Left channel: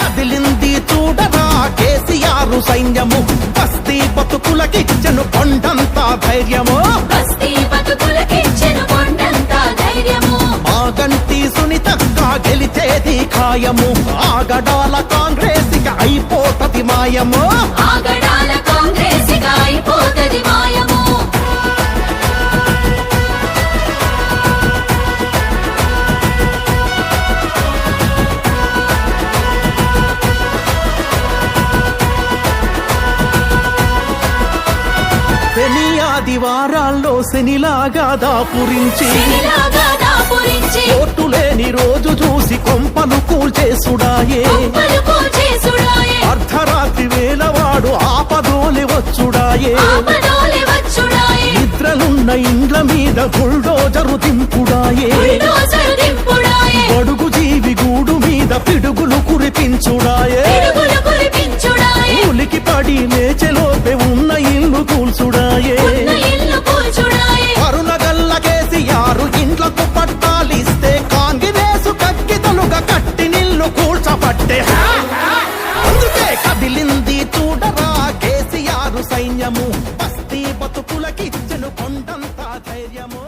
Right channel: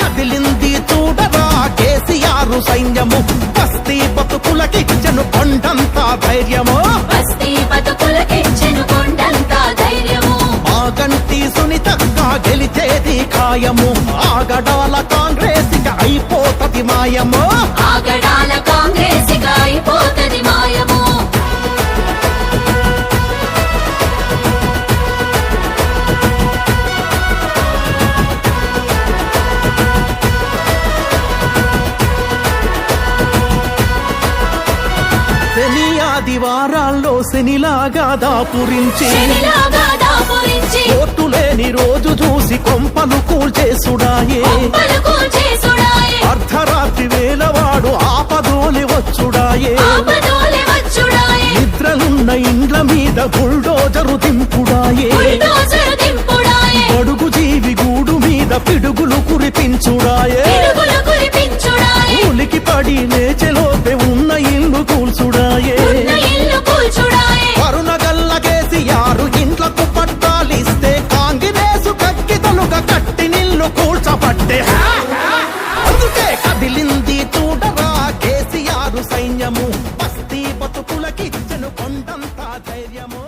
కదిలింది చూడరా కేసీఆర్ సైన్యము, బస్తీ బతుకులకిచ్చెను కొండంత ధైర్యము, మాగంటి సునీతక్క గెలిచేది ఖాయము, ఆగడాల కాంగ్రెస్ అయిపోతది మాయము. శని ఆదివారాల్లో శనిలాగా దాపురించి, కోర్టు లేని రోజు చూసి కొంపలు కూల్చేసుడాయే, అర్ధరాత్రి వేలవాడు ఆపదోలి వచ్చుడాయే, నిద్రలున్న ఇండ్ల మీద బుల్డోజరు దింపుడాయే, బడుగు జీవి గూడు మీద పిడుగులు కురిపించుడాయే, ఉలికి పడి లేచెలోపే ఉన్న ఇల్లు కూల్చుడాయే. కరుణగల్ల కేసీఆర్ ఇంట్లకు పట్టాలిస్తే కాంగ్రెసు కక్కితలుగా కట్టి నిల్లు కూల్చబట్టే. అందుకే కదిలింది చూడరా కేసీఆర్ సైన్యము, బస్తీ బతుకులకిచ్చెను కొండంత ధైర్యము.